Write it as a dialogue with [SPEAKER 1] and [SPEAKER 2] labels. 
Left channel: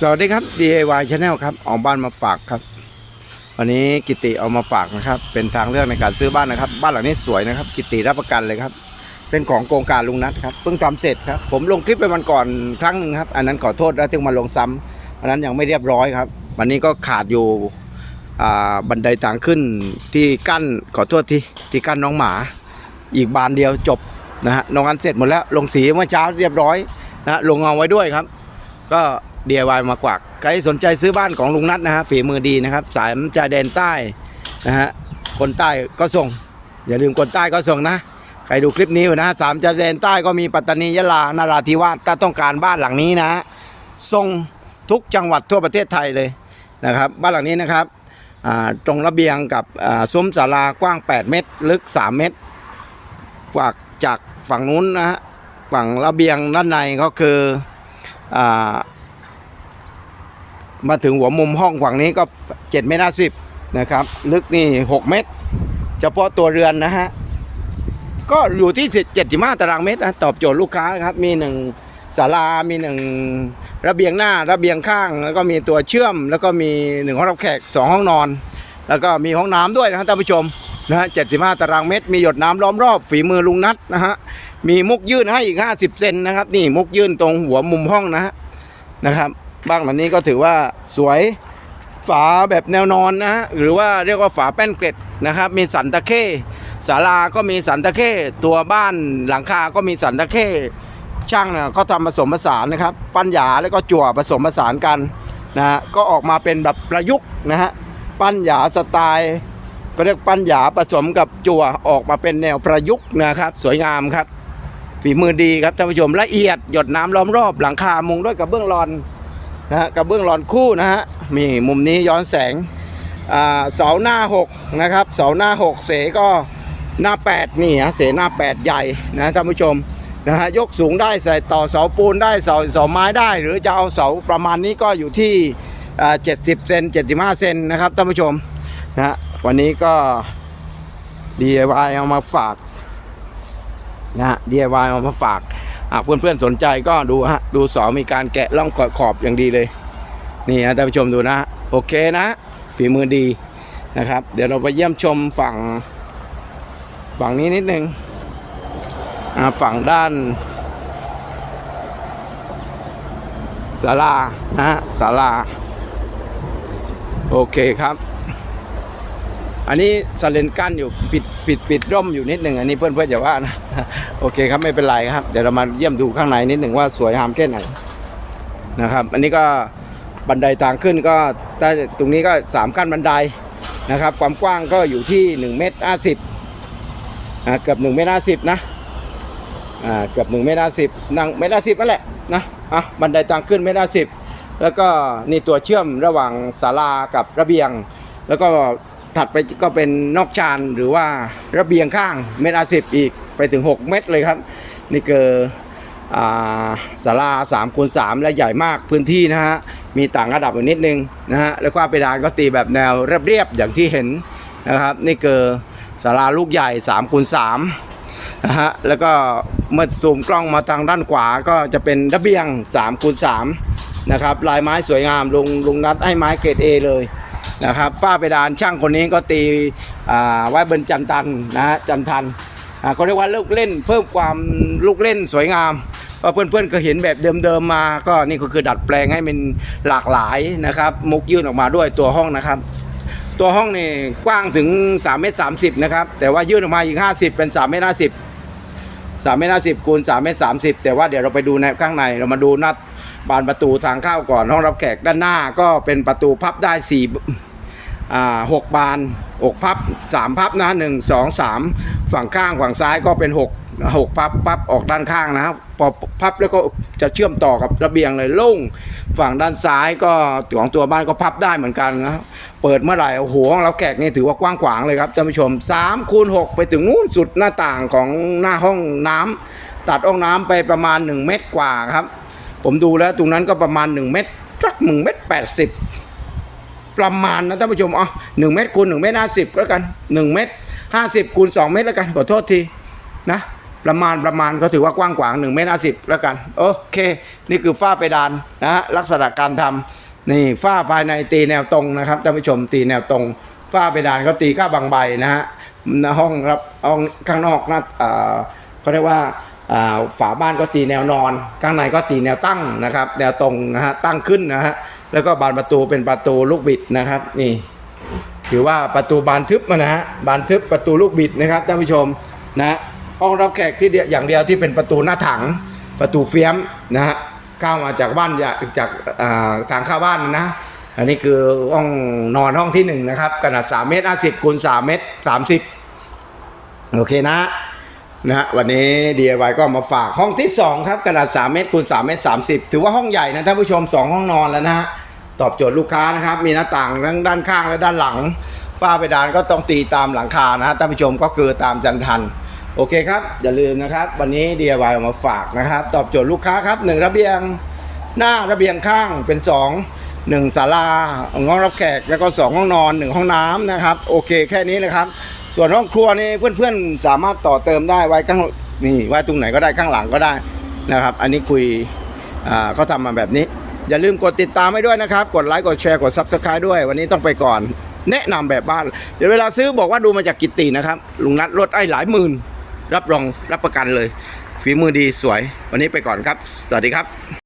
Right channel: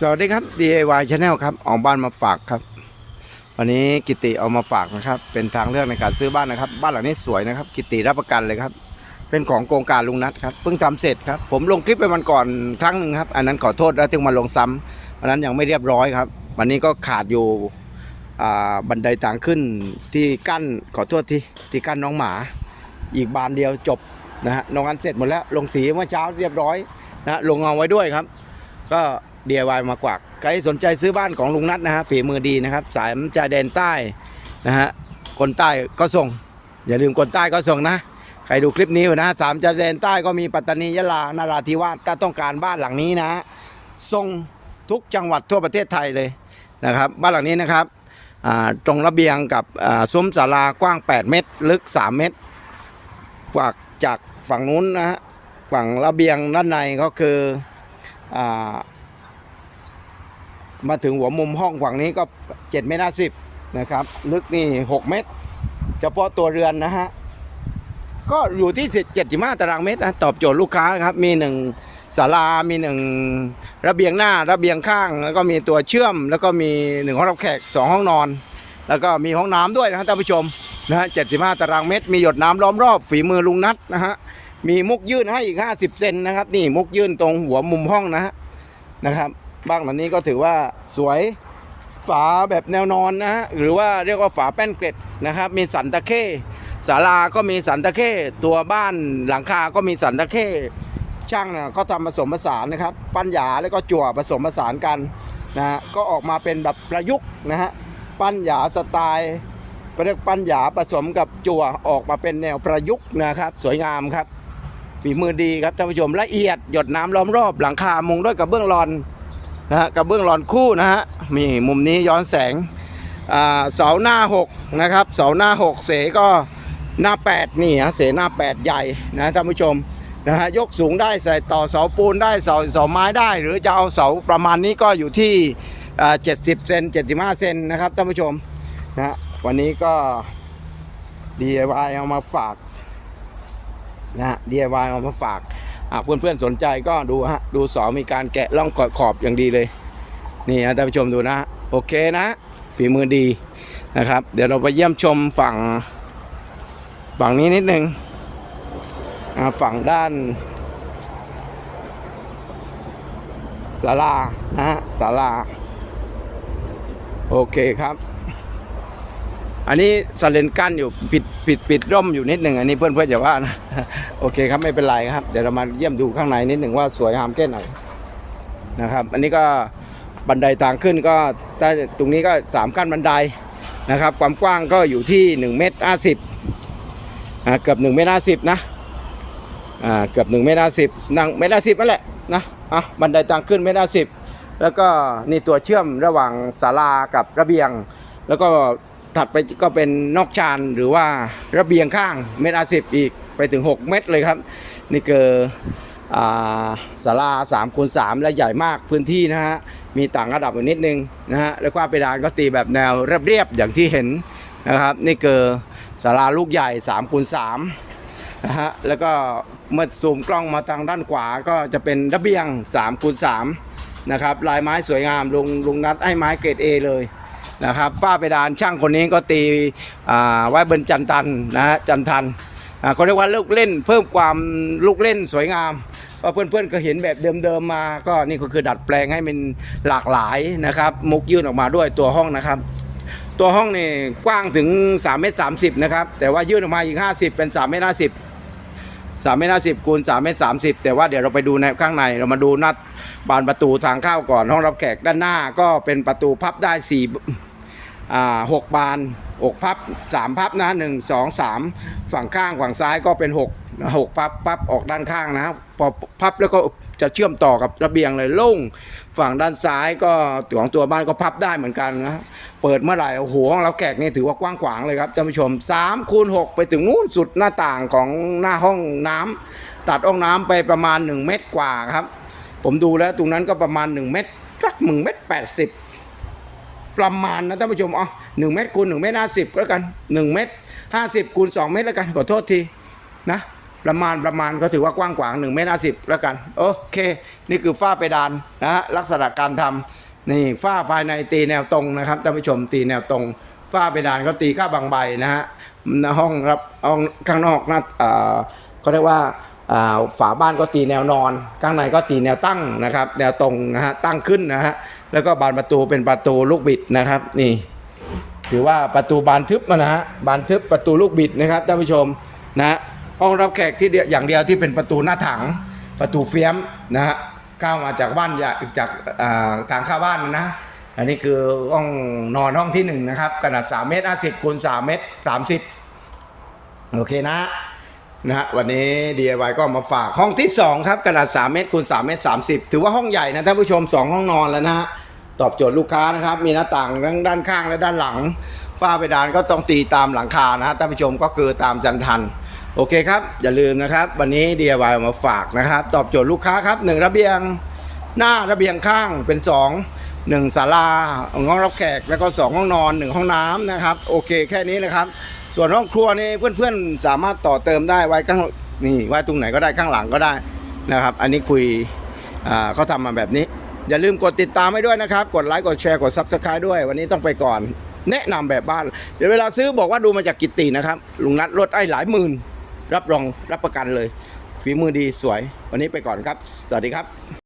[SPEAKER 1] สวัสดีครับ DIY Channel ครับออกบ้านมาฝากครับ วันนี้กิติเอามาฝากนะครับ เป็นทางเลือกในการซื้อบ้านนะครับ บ้านหลังนี้สวยนะครับ กิติรับประกันเลยครับ เป็นของโครงการลุงนัทครับเพิ่งทำเสร็จครับ ผมลงคลิปไปวันก่อนครั้งหนึ่งครับ อันนั้นขอโทษแล้วถึงมาลงซ้ำอันนั้นยังไม่เรียบร้อยครับ วันนี้ก็ขาดอยู่อ่าบันไดทางขึ้นที่กั้นขอโทษที่ที่กั้นน้องหมา อีกบานเดียวจบนะฮะลงอันเสร็จหมดแล้วลงสีเมื่อเช้าเรียบร้อยนะฮะลงเงาไว้ด้วยครับ ก็ DIY มากวักใครสนใจซื้อบ้านของลุงนัทนะฮะฝีมือดีนะครับสายชายแดนใต้นะฮะคนใต้ก็ส่ง อย่าลืมคนใต้ก็ส่งนะใครดูคลิปนี้อยู่นะสามชายแดนใต้ก็มีปัตตานียะลานาราธิวาสถ้าต้องการบ้านหลังนี้นะส่งทุกจังหวัดทั่วประเทศไทยเลยนะครับ บ้านหลังนี้นะครับตรงระเบียงกับซุ้มศาลากว้าง 8 เมตร ลึก 3 เมตรฝากจากฝั่งนู้นนะฮะฝั่งระเบียงด้านในก็คืออา มาถึงหัวมุมห้องฝั่งนี้ก็7เมตรสิบนะครับ ลึกนี่ 6 เมตร เฉพาะตัวเรือนนะฮะ ก็อยู่ที่75ตารางเมตรนะตอบโจทย์ลูกค้าครับ มีหนึ่งศาลา มีหนึ่งระเบียงหน้า ระเบียงข้าง แล้วก็มีตัวเชื่อม แล้วก็มีหนึ่งห้องรับแขกสองห้องนอน แล้วก็มีห้องน้ำด้วยนะครับท่านผู้ชมนะฮะ75ตารางเมตร มีหยดน้ำล้อมรอบ ฝีมือลุงนัทนะฮะ มีมุกยื่นให้อีก50เซนนะครับ นี่มุกยื่นตรงหัวมุมห้องนะฮะ นะครับ บ้านหลังนี้ก็ถือว่าสวยฝาแบบแนวนอนนะฮะหรือว่าเรียกว่าฝาแป้นเกล็ดนะครับ มีสันตะเข้ศาลาก็มีสันตะเข้ตัวบ้านหลังคาก็มีสันตะเข้ช่างเนี่ยก็ทำผสมผสานนะครับ ปั้นหยาแล้วก็จั่วผสมผสานกันนะฮะก็ออกมาเป็นแบบประยุกต์นะฮะปั้นหยาสไตล์ก็เรียกปั้นหยาผสมกับจั่วออกมาเป็นแนวประยุกต์นะครับ สวยงามครับฝีมือดีครับท่านผู้ชมละเอียดหยดน้ำล้อมรอบหลังคามุงด้วยกับเบื้องรอน นะฮะกับเบื้องรอนคู่นะฮะมีมุมนี้ย้อนแสงเสาหน้า 6 นะครับเสาหน้า 6 เสก็หน้า 8 นี่ฮะเสหน้า 8 ใหญ่นะท่านผู้ชมนะฮะยกสูงได้ใส่ต่อเสาปูนได้เสาเสาไม้ได้ หรือจะเอาเสาประมาณนี้ก็อยู่ที่อ่า70 เซน75 เซนนะครับท่านผู้ชมนะฮะวันนี้ก็ DIY เอามาฝากนะฮะ DIY เอามาฝาก อะเพื่อนๆสนใจก็ดูฮะดูสอมีการแกะร่องขอบอย่างดีเลย นี่นะท่านผู้ชมดูนะ โอเคนะฝีมือดีนะครับ เดี๋ยวเราไปเยี่ยมชมฝั่ง ฝั่งนี้นิดนึงอะฝั่งด้านศาลานะฮะศาลา โอเคครับ อันนี้สเลนกั้นอยู่ปิดปิดปิดร่มอยู่นิดหนึ่งอันนี้เพื่อนเพื่อนอย่าว่านะ โอเคครับไม่เป็นไรครับ เดี๋ยวเรามาเยี่ยมดูข้างในนิดหนึ่งว่าสวยงามแค่ไหนนะครับ อันนี้ก็บันไดทางขึ้นก็ถ้าตรงนี้ก็สามขั้นบันไดนะครับ ความกว้างก็อยู่ที่1เมตรห้าสิบเกือบ1เมตรห้าสิบนะเกือบ1เมตรห้าสิบนั่งเมตรห้าสิบนั่นแหละนะอะบันไดทางขึ้นเมตรห้าสิบแล้วก็นี่ตัวเชื่อมระหว่างศาลากับระเบียง แล้วก็ ถัดไปก็เป็นนอกชานหรือว่าระเบียงข้างเมตรสิบอีกไปถึง 6 เมตรเลยครับ นี่คืออ่าศาลา3คูณ3และใหญ่มากพื้นที่นะฮะ มีต่างระดับอยู่นิดนึงนะฮะ แล้วก็เพดานก็ตีแบบแนวเรียบๆอย่างที่เห็นนะครับ นี่คือศาลาลูกใหญ่3คูณ3นะฮะ แล้วก็เมื่อซูมกล้องมาทางด้านขวาก็จะเป็นระเบียง3คูณ3นะครับ ลายไม้สวยงามลงลงนัดให้ไม้เกรด A เลย นะครับฝ้าเพดานช่างคนนี้ก็ตีอ่าไว้บนจันทันนะฮะจันทันเขาเรียกว่าลูกเล่นเพิ่มความลูกเล่นสวยงามว่าเพื่อนๆก็เห็นแบบเดิมๆมา ก็นี่ก็คือดัดแปลงให้มันหลากหลายนะครับ มุกยื่นออกมาด้วยตัวห้องนะครับ ตัวห้องนี่กว้างถึง3เมตร30นะครับ แต่ว่ายื่นออกมาอีก 50 เป็น3เมตร50 3เมตร50คูณ3เมตร30 แต่ว่าเดี๋ยวเราไปดูในข้างในเรามาดูนัดบานประตูทางเข้าก่อนห้องรับแขกด้านหน้าก็เป็นประตูพับได้4อ่ หกบานหกพับสามพับนะหนึ่งสองสามฝั่งข้างฝั่งซ้ายก็เป็นหกหกพับพับออกด้านข้างนะครับพอพับแล้วก็จะเชื่อมต่อกับระเบียงเลยโล่งฝั่งด้านซ้ายก็ของตัวบ้านก็พับได้เหมือนกันนะเปิดเมื่อไหร่โอ้โหห้องเรับแขกนี่ถือว่ากว้างขวางเลยครับท่านผู้ชม3คูณ6ไปถึงนู้นสุดหน้าต่างของหน้าห้องน้ำตัดห้องน้ำไปประมาณ 1 เมตรกว่าครับ ผมดูแล้วตรงนั้นก็ประมาณ 1 เมตรสัก1เมตร80ป ประมาณนะท่านผู้ชมอ๋อหนึ่งเมตรคูณหนึ่งเมตรห้าสิบก็แล้วกันหนึ่งเมตรห้าสิบคูณสองเมตรแล้วกันขอโทษทีนะประมาณประมาณก็ถือว่ากว้างขวาง1เมตร50แล้วกันโอเค นี่คือฝ้าเพดานนะฮะลักษณะการทำนี่ฝ้าภายในตีแนวตรงนะครับท่านผู้ชมตีแนวตรงฝ้าเพดานก็ตีก้าบางใบนะฮะห้องรับห้องข้างนอกนะเอ่อเขาเรียกว่าอ่าฝาบ้านก็ตีแนวนอน ข้างในก็ตีแนวตั้งนะครับ แนวตรงนะฮะตั้งขึ้นนะฮะ แล้วก็บานประตูเป็นประตูลูกบิดนะครับ นี่ ถือว่าประตูบานทึบนะฮะบานทึบประตูลูกบิดนะครับท่านผู้ชมนะห้องรับแขกที่เดียวอย่างเดียวที่เป็นประตูหน้าถัง ประตูเฟี้ยมนะฮะเข้ามาจากบ้านจากทางเข้าบ้านนะอันนี้คือห้องนอนห้องที่หนึ่งนะครับขนาด3เมตร50คูณ3เมตร30 โอเคนะนะฮะวันนี้ DIY ก็มาฝากห้องที่ 2 ครับขนาด 3 เมตรคูณ3เมตร30 ถือว่าห้องใหญ่นะท่านผู้ชม 2 ห้องนอนแล้วนะฮะ ตอบโจทย์ลูกค้านะครับ มีหน้าต่างทั้งด้านข้างและด้านหลัง ฝ้าเพดานก็ต้องตีตามหลังคานะฮะท่านผู้ชมก็คือตามจันทัน โอเคครับ อย่าลืมนะครับ วันนี้ DIY เอามาฝากนะครับ ตอบโจทย์ลูกค้าครับหนึ่งระเบียงหน้าระเบียงข้างเป็น 2 1ศาลาห้องรับแขกแล้วก็ 2 ห้องนอน 1 ห้องน้ำนะครับ โอเคแค่นี้เลยครับ ส่วนห้องครัวนี่เพื่อนๆ สามารถต่อเติมได้ไว้ข้างนี่ไว้ตรงไหนก็ได้ข้างหลังก็ได้นะครับ อันนี้คุยอ่าเขาทำมาแบบนี้ อย่าลืมกดติดตามให้ด้วยนะครับ กดไลค์กดแชร์กด Subscribe ด้วย วันนี้ต้องไปก่อน แนะนำแบบบ้าน เดี๋ยวเวลาซื้อบอกว่าดูมาจากกิตตินะครับ ลุงนัดลดไอ้หลายหมื่น รับรองรับประกันเลย ฝีมือดีสวย วันนี้ไปก่อนครับ สวัสดีครับ